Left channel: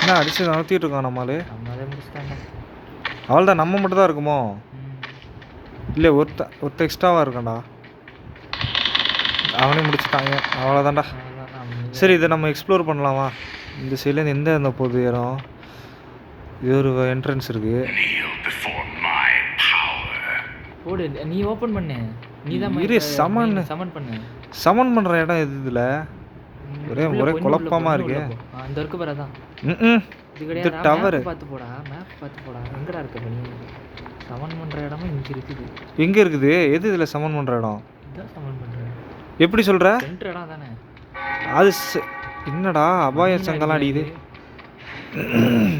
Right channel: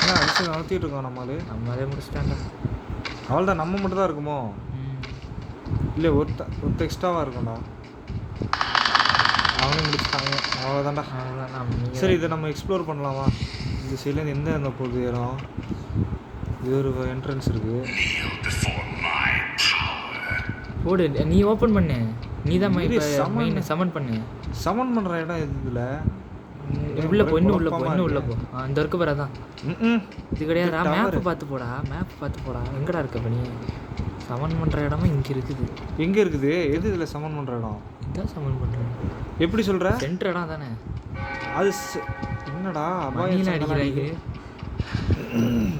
என்ன அடிச்சு நகர்த்திட்டு இருக்கான் நம்மளே. நம்மளே முடிச்சிட்டான்டா. அவள்தான் நம்ம மட்டும் தான் இருக்குமோ? இல்லை ஒருத்த எக்ஸ்ட்ராவாக இருக்கான்டா. அவனே முடிச்சுட்டாங்க. அவ்வளோதான்டா. சரி, இதை நம்ம எக்ஸ்ப்ளோர் பண்ணலாமா? இந்த சைட்லேருந்து எந்த அந்த போகுது இடம்? இது ஒரு என்ட்ரன்ஸ் இருக்குது. ஓடு, நீ ஓப்பன் பண்ணு. நீ தான் சமன் பண்ணு. சமன் பண்ணுற இடம் எது இதில்? ஒரே குழப்பமாக இருக்கு. அந்த இருக்கு பாரு, அதான். இது கிடையாது. மேப் பார்த்து போடா, மேப் பார்த்து போடா. எங்கடா இருக்க பண்ணி? சமன் பண்ணுற இடமா இங்கே இருக்குது. எங்கே இருக்குது? எது இதில் சமன் பண்ணுற இடம்? இதான் சமன் பண்ணுறேன். எப்படி சொல்கிற? சென்டர் இடம் தானே அது. என்னடா அபாய சங்கலாம் அடிக்குது.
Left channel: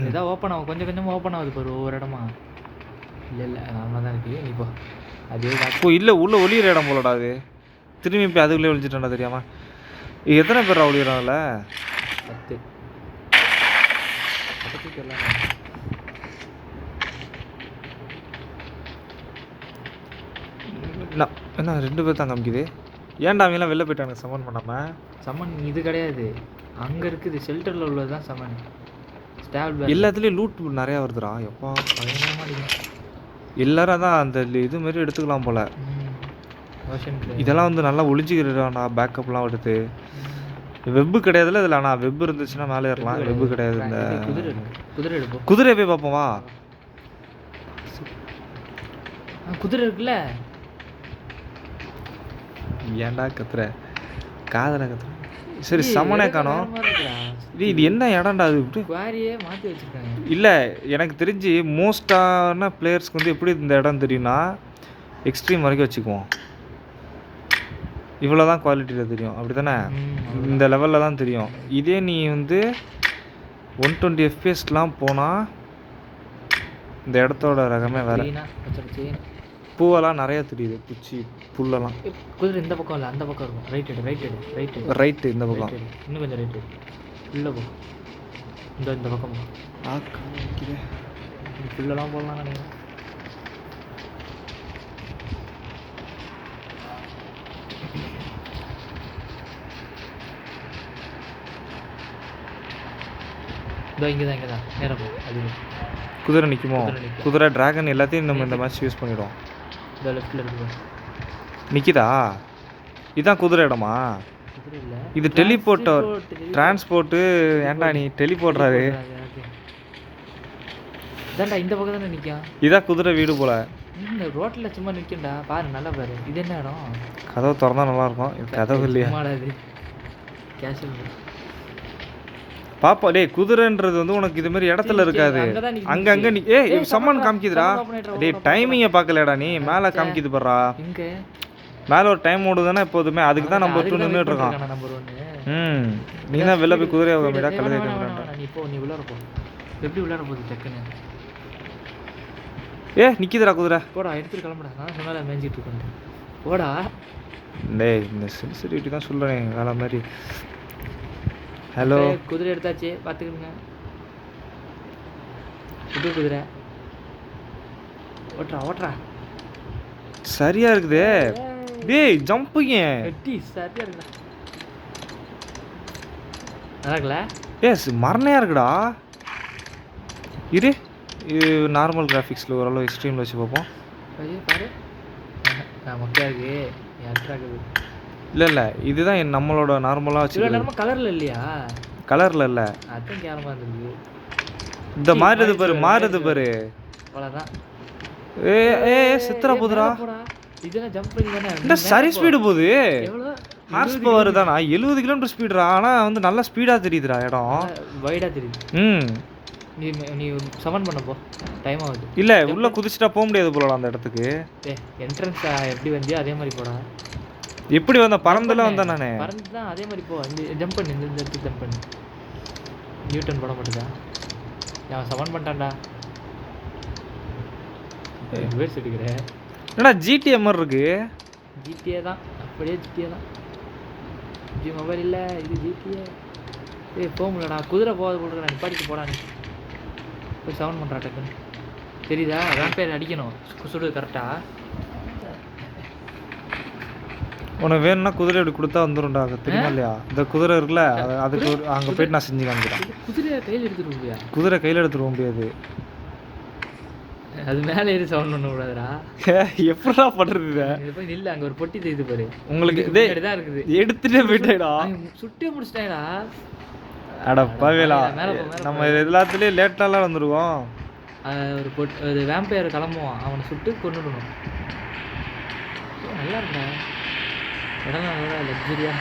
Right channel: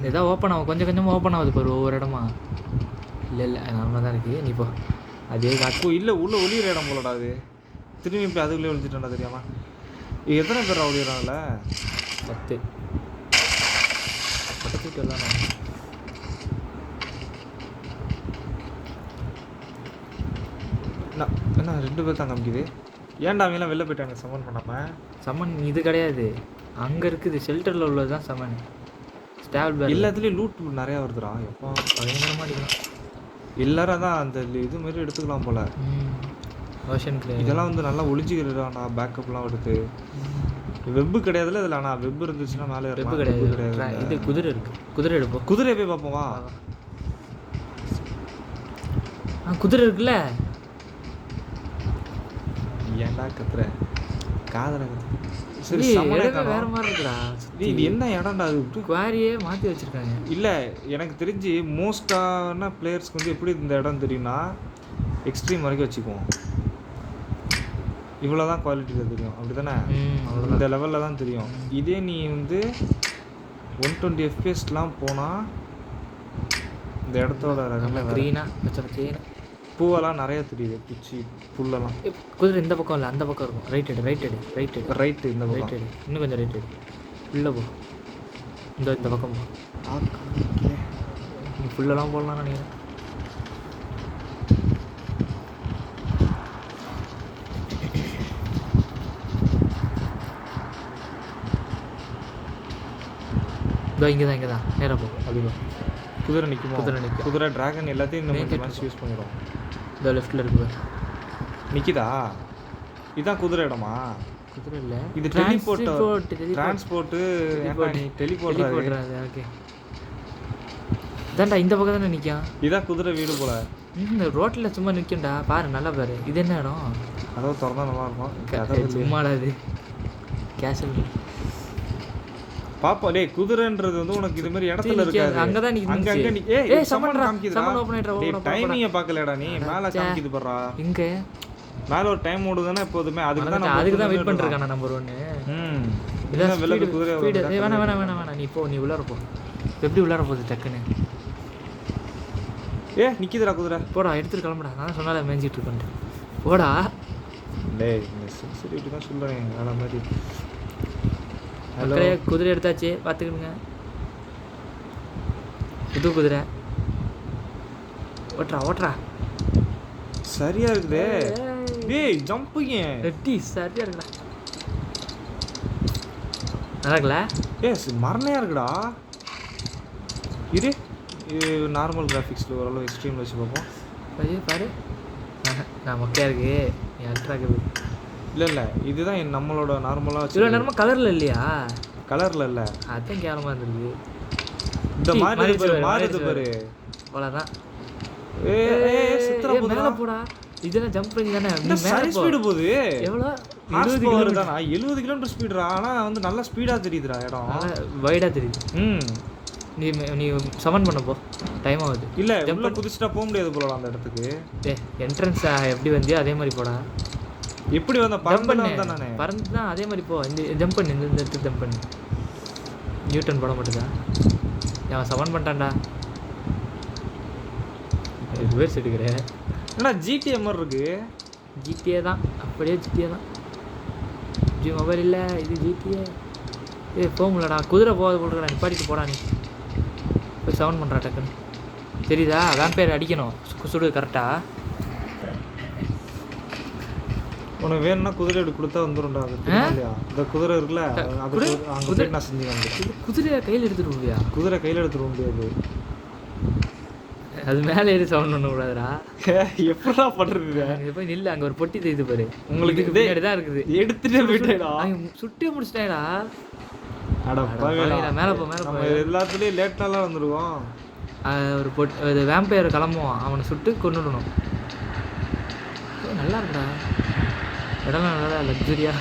ஏதாவது ஓப்பன் ஆகும், கொஞ்சம் கொஞ்சமாக ஓப்பன் ஆகுது பாரு ஒவ்வொரு இடமா. இல்லை நார்மலாக தான் இருக்குது. நீ போ. அதே அப்போ இல்லை, உள்ளே ஒளியிற இடம் போலடா அது. திரும்பி போய் அதுக்குள்ளே ஒழிச்சிட்டேன்டா தெரியாமல். எத்தனை பேர் ஒளியிறாங்கல்ல? 10. என்ன 2 பேர் தான் காமிக்குது. ஏன்டா அவங்களாம் வெளில போயிட்டாங்க சமன் பண்ணாமல்? சமன் இது கிடையாது, அங்கே இருக்குது. ஷெல்டரில் உள்ளது தான் சமன். ஸ்டாப் எல்லாத்துலேயும் லூட் நிறையா வருதுடா. எப்போ எல்லாரும் தான் அந்த இது மாதிரி எடுத்துக்கலாம் போல். இதெல்லாம் வந்து நல்லா ஒளிஞ்சிக்கிறான்டா. பேக்கப்லாம் எடுத்து. வெப்பு கிடையாதுல்ல இதில். ஆனால் வெப் இருந்துச்சுன்னா மேலே ஏறலாம். வெப்பு கிடையாது. குதிரை இருக்கு. குதிரை எடுப்போம். குதிரை போய் பார்ப்போம் வா. குதிரை இருக்குல்ல. ஏன்டா கத்துற? காதல கத்துற. சரி, சமனே காணோம். இது என்ன இடம்டா அது? குவாரியே மாற்றி வச்சுருக்காங்க. இல்லை, எனக்கு தெரிஞ்சு மோஸ்டான பிளேயர்ஸ்க்கு வந்து எப்படி இந்த இடம் தெரியும்னா எக்ஸ்ட்ரீம் வரைக்கும் வச்சுக்குவோம். இவ்வளோ தான் குவாலிட்டியில் தெரியும், அப்படி தானே? இந்த லெவலில் தான் தெரியும். இதே நீ வந்து 120 FPS போனால் இந்த இடத்தோட ரகமே வேறு. பூவெல்லாம் நிறைய தெரியுது. பூச்சி புல்லெல்லாம். குதிரை இந்த பக்கம் இல்லை, அந்த பக்கம் இருக்கும். ரைட்டு இந்த பக்கம். இன்னும் கொஞ்சம் ரைட்டு உள்ளே போ. இந்த பக்கம் ஃபுல்லெல்லாம் போடலாம் நினைக்கிறேன். இங்கே தான் நேராக போ. அது குதிரை நிற்குமோ? குதிரை டிராகன் எல்லாத்தையும் நம்ம இந்த மேட்ச் யூஸ் பண்ணிடுவோம். இந்த லெஃப்ட்டில் இருக்குது. நிற்கிதா? இதுதான் குதிரை இடமா? குதிரை இல்லை, இது டிரான்ஸ்போர்ட்டு. ஏன்டா நீ டெலிபோர்ட்றாரு? இதான்டா இந்த பக்கம் தானே நிற்கும். இதான் குதிரை வீடு போல. இந்த ரோட்டில் சும்மா நிற்கும்டா. பாரு, நல்லா பாரு. இது என்ன இடம்? கதவு திறந்தா நல்லாயிருக்கும். கதவு இல்லையா? சும்மாடாது கேஷுவல் பாப்பா. டே, குதிரைன்றது வந்து உனக்கு இது மாதிரி இடத்துல இருக்காது. அங்கங்க நீ சம்மன் காமிக்குதுடா. டே, டைமிங்கை பார்க்கலடா நீ. மேலே காமிக்குது பாருடா. இங்கே மேலே ஒரு டைம் ஓடுதுன்னா எப்போதுமே அதுக்கு தான் நம்ம நின்றுட்டு இருக்கோம். நம்பர் 1. நீ வெளில போய் குதிரையை வேணாம். நீ போ, நீ உள்ளார போ. எப்படி உள்ளார போகுது டக்குன்னு? நிற்கிதுடா குதிரை. போடா, எடுத்துட்டு கிளம்புடா. நான் சொன்னால மேய்ஞ்சிட்டு இருக்கேன். போடா. டேய், இந்த சென்சிட்டிவிட்டி தான் சொல்கிறேன் வேலை மாதிரி. ஹலோ, குதிரை எடுத்தாச்சு, பார்த்துக்கிடுங்க. புது குதிரை. ஓட்டுறா. சரியா இருக்குது. டேய், ஜம்பிங்க சரியா இருக்குடா. நல்லா இருக்குல்ல? மரணையா இருக்குடா. இது நார்மல் கிராஃபிக்ஸில் ஓரளவு எக்ஸ்ட்ரீமில் வச்சு பார்ப்போம். பாரு, மொக்கையாக இருக்கு. இல்லை இதுதான் நம்மளோட நார்மலாக வச்சு. நார்மல் கலரில் இல்லையா? கலரில் இல்லை, அதுதான் கேவலமாக இருந்திருக்கு. இந்த மாறுது பாரு. அவ்வளோதான். சித்திர போதுடா. போடா, இதெல்லாம் ஜம்ப் பண்ணி தானே. இந்த சரி ஸ்பீடு போகுது. எவ்வளோ ஹார்ஸ் பவர் தானா? 70 km ஸ்பீடுடா. ஆனால் வந்து நல்லா ஸ்பீடாக தெரியுதுடா இடம். வைடாக தெரியுது. நீ சமன் பண்ண போ, டைம் ஆகுது. இல்லை, உள்ளே குதிச்சுட்டா போக முடியாது போலடா அந்த இடத்துக்கு. என்ட்ரன்ஸ் எப்படி வந்தியோ அதே மாதிரி போடா. எப்படி வந்த? பறந்துல வந்தேன் நான். பறந்து தான் அதே மாதிரி போ. இந்த ஜம்ப் பண்ணு, இந்த இடத்துக்கு ஜம்ப் பண்ணு. நியூட்டன் போட மாட்டேதா? அவன் சமன் பண்ணிட்டான்டா. ரிவர்ஸ் எடுக்கிறேன். என்னடா ஜிடிஏ மாதிரி இருக்கு? ஜிடிஏ தான், அப்படியே ஜிடிஏ தான். ஜி மொபைல் இல்லை, இது ஜிடிஏ. போக முடியலடா. குதிரை போகாத போடுறா. நிப்பாடிக்கு போடா. நீ போய் சவுண்ட் பண்ணுறா டக்குன்னு. தெரியுதா? அதான் பேர் அடிக்கணும். சுடு கரெக்டாக. உனக்கு வேணும்னா குதிரை அப்படி கொடுத்தா வந்துடும்டா, அது தெரியும் இல்லையா? இந்த குதிரை இருக்குல்ல, அதுக்கு அங்கே போயிட்டு நான் செஞ்சு காமிக்கிறேன். குதிரையை கையில் எடுத்துட்டு போவியா? குதிரை கையில் எடுத்துட்டு போக முடியாது. அது மேலே ஏறி சவுண்ட் பண்ணக்கூடாதுடா. எப்படா பண்ணுறது? அங்கே போய் நில்ல, அங்கே ஒரு பொட்டி தெரியுது பாரு. உங்களுக்கு பின்னாடி தான் இருக்குது. எடுத்துட்டே போயிட்டேடா. சுட்டே முடிச்சிட்டேடா. அட பாவேலா, மேலே போ மேலே. நம்ம எல்லாத்துலேயும் லேட்டாலாம் வந்துடுவோம். ஒரு வேம்பையர் கிளம்புவான், அவனை சுட்டு கொண்டுடணும். நல்லா இருக்குடா இடம்லாம், நல்லா லக்ஸரியா.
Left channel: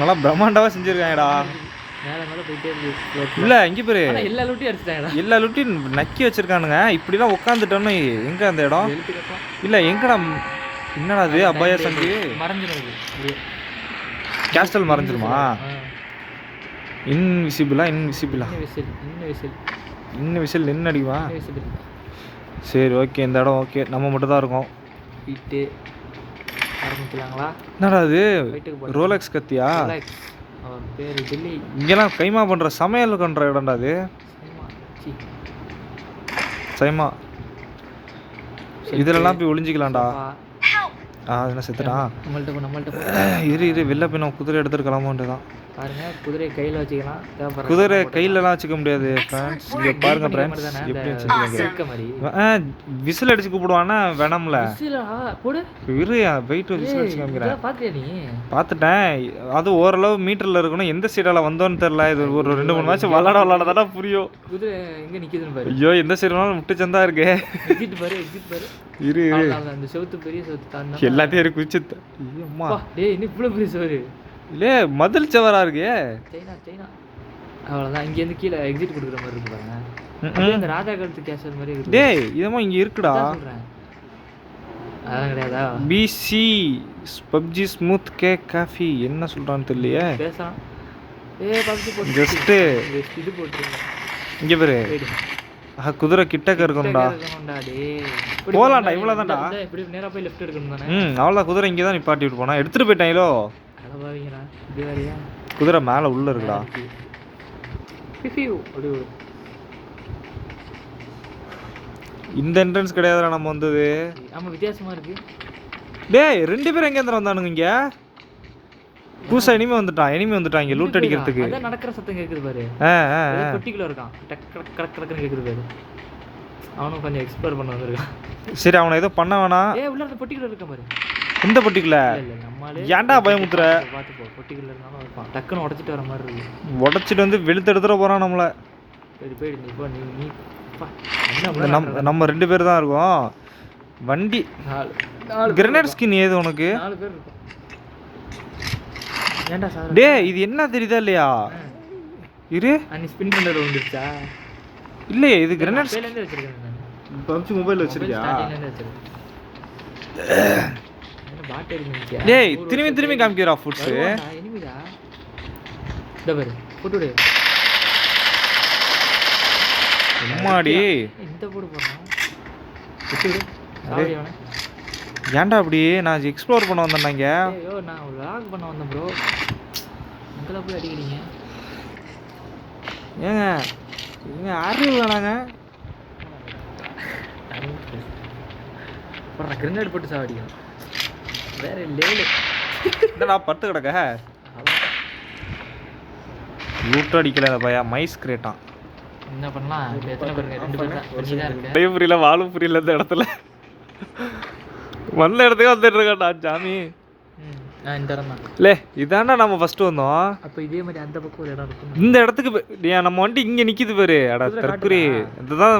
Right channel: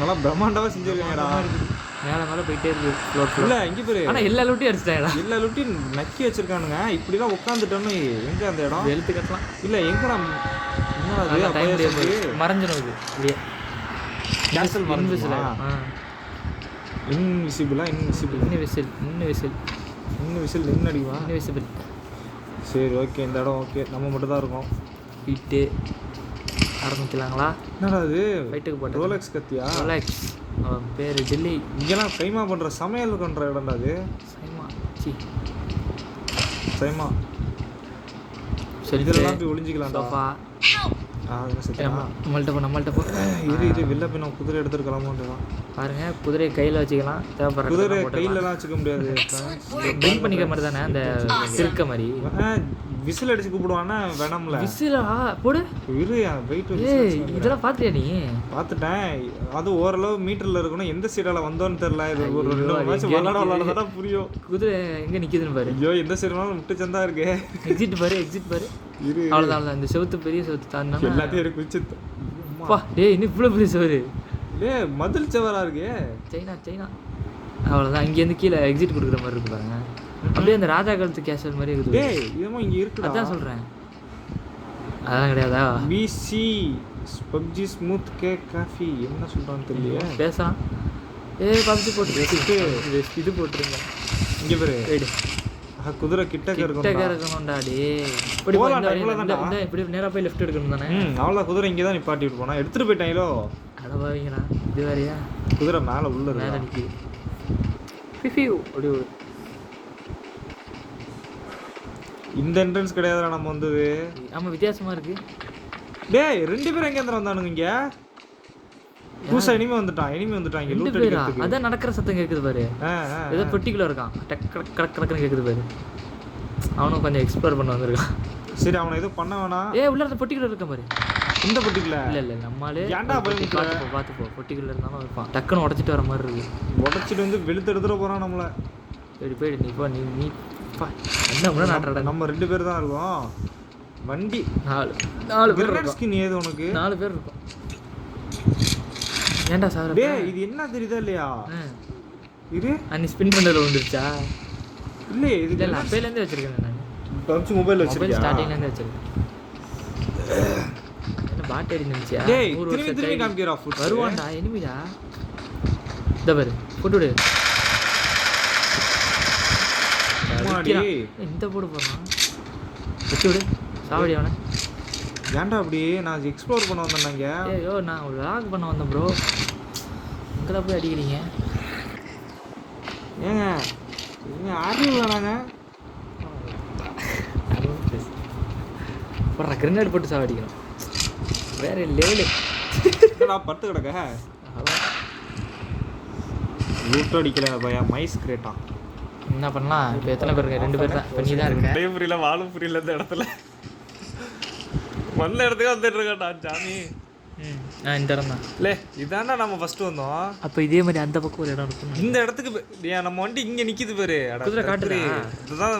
நல்லா பிரம்மாண்டமாக செஞ்சுருக்காங்கடா. மேலே மேலே போயிட்டே இருக்கு. இல்லை இங்கே பேர் எல்லா லூட்டியும் அடிச்சிட்டாங்கடா. எல்லா லூட்டியும் நக்கி வச்சிருக்கானுங்க. இப்படிலாம் உட்காந்துட்டோன்னு எங்கே அந்த இடம் எழுத்து கட்டலாம். இல்லை எங்கடா, என்னடா அது அபாய சம்பி மறைஞ்சிடும். இல்லையே கேஸ்டல் மறைஞ்சிருமா? இன்விசிபிளா? இன்விசிபிளா? விசில் நின்று அடிக்குவா? விசிபிள். சரி ஓகே, இந்த இடம் ஓகே, நம்ம மட்டும் தான் இருக்கோம். ஹீட்டு ஆரம்பிக்கலாங்களா? என்னடா அது லைட்டுக்கு போட ரோலெக்ஸ் கத்தியா? ரோலெக்ஸ் அவன் பேர் டெல்லி. இங்கெல்லாம் கைமா பண்ணுற சமையல் பண்ணுற இடம்டா அது. சைமா இதெல்லாம் போய் ஒளிஞ்சிக்கலாம்டா. என்ன செத்துடா? நம்மள்ட்ட போ. இரு வெளில போய் நம்ம குதிரை எடுத்துட்டு கிளம்ப தான். பாருங்க, குதிரை கையில் வச்சுக்கலாம். தேவைப்படுற குதிரை கையிலலாம் வச்சுக்க முடியாது. விசில் அடிச்சு கூப்பிடுவானா வேணாம்ல? போடு இரு வெயிட் வச்சு பார்த்தியா நீ? பார்த்துட்டேன். அது ஓரளவு மீட்டரில் இருக்கணும். எந்த சைடால வந்தோன்னு தெரியல. இது ஒரு 2-3 மேட்ச் விளாடாதானே புரியும். குதிரை எங்கே நிற்கிதுன்னு பாரு. ஐயோ எந்த சைடுனாலும் முட்டு சந்தா இருக்கு. எக்ஸிட் பாரு. இரு அந்த செவுத்து பெரிய செவுத்து தாண்டி எல்லாத்தையும் குச்சி. டேய் இன்னும் இவ்வளோ பெரிய செவரு. இல்லே மதில் செவரா இருக்கு. சைனா அவ்வளோதான். இங்கேருந்து கீழே எக்ஸிட் கொடுக்குற மாதிரி இருக்கு பாருங்க. அப்படியே அந்த ராஜா காலத்து கேஷல் மாதிரி இருக்குது. டேய் இதமா இங்கே இருக்குடா. சொல்கிறேன் அதெல்லாம் கிடையாதா? PC PUBG smooth cake coffee என்ன சொல்கிறான்னு தெரியலையே. பேசலாம். பப்ஜி போட்டு இது போட்டுருங்க. இங்கே பேரு குதிரை கிட்டக்க இருக்கணும்டா. போகலாம்டா, இவ்வளோதான்டா. இப்படி நேராக போய் லெஃப்ட் எடுக்கணும் தானே? அவ்வளோ குதிரை இங்கே தான் நிப்பாட்டிட்டு போனா. எடுத்துகிட்டு போயிட்டாங்களோ? இது வேறையா? குதிரை மேலே உள்ள இருக்கா? இந்த என்ட்ரன்ஸ் கிடையாதுடா நம்ம வந்தது. ஆமாம் வித்தியாசமாக இருக்கு. டேய் 2 பேரும் எங்கே வந்தானுங்க? இங்கே புதுசாக எனிமே வந்துட்டான் இங்கே லூட் அடிக்கிறதுக்கு. அதான் நடக்கிற சத்தம் கேட்குது பாரு. ஏதோ பொட்டிக்குள்ள இருக்கான். டக் கடக்குன்னு கேட்குது பாரு. அவனும் கொஞ்சம் எக்ஸ்ப்ளோர் பண்ண வந்திருக்கான். சரி அவனை ஏதோ பண்ண வேணாம். உள்ள அந்த பொட்டிக்குள்ள இருக்க பாரு. இந்த பொட்டிக்குள்ள இல்லை நம்மளே ஏன்டா பயமுத்துற? பார்த்து போ. பொட்டிக்குள்ள இருந்தாலும் இருப்பான். டக்குன்னு உடச்சிட்டு வர மாதிரி இருக்கு. உடச்சிட்டு வந்து வெளுத்து எடுத்துட போகிறான் நம்மளை. போயிடு நீ போ. நீ நம்ம 2 பேர் தான் இருக்கோம். வண்டி 4 கிரனேட் ஸ்கின் ஏது உனக்கு? 4 பேர் இருக்கும். ஏன்டா சார்? டேய் இது என்ன தெரியுதா இல்லையா? இரு நீ ஸ்பின் பண்ணல வந்துருச்சா? இல்லையே இது கிரனேட் மொபைல்ல வச்சிருக்கேன் நான். பப்ஜி மொபைல் வச்சிருக்கியா? ஸ்டார்டிங்ல இருந்து வச்சிருக்கேன். என்ன பாட் இருந்துச்சு? டேய் திரும்பி காமிக்கிறா ஃபுட்ஸ். வருவாடா எனிமிடா. இந்த பாரு போட்டுடு. அம்மாடி இந்த போடு போறான். போட்டுடு. சாவடி அவனை. ஏன்டா அப்படி? நான் எக்ஸ்ப்ளோர் பண்ண வந்தேன்னாங்க. ஐயோ நான் vlog பண்ண வந்தேன் ப்ரோ. இங்கெல்லாம் போய் அடிக்கிறீங்க. ஏங்க ஆர்மி வேணாங்க. போடுற கிரனேட் போட்டு சாவடிக்கிறேன். வேற லெவலு. நான் பட்டு கிடக்க லூட் அடிக்கல பையா. மைஸ் கிரேட்டான். என்ன பண்ணலாம்? இப்போ எத்தனை பேர் இருக்கீங்க? 2 பேர் தான். பண்ணி தான் இருக்கேன். டைம் புரியல, வாழும் புரியல. இந்த இடத்துல வந்த இடத்துக்கு வந்துட்டு இருக்கான்டா சாமி. இந்த இடம் தான். இல்லை இதாண்டா நம்ம ஃபர்ஸ்ட் வந்தோம். அப்போ இதே மாதிரி அந்த பக்கம் ஒரு இடம் இருக்கும். இந்த இடத்துக்கு நம்ம வண்டி இங்கே நிற்கிது பாரு. அடா இதுதான்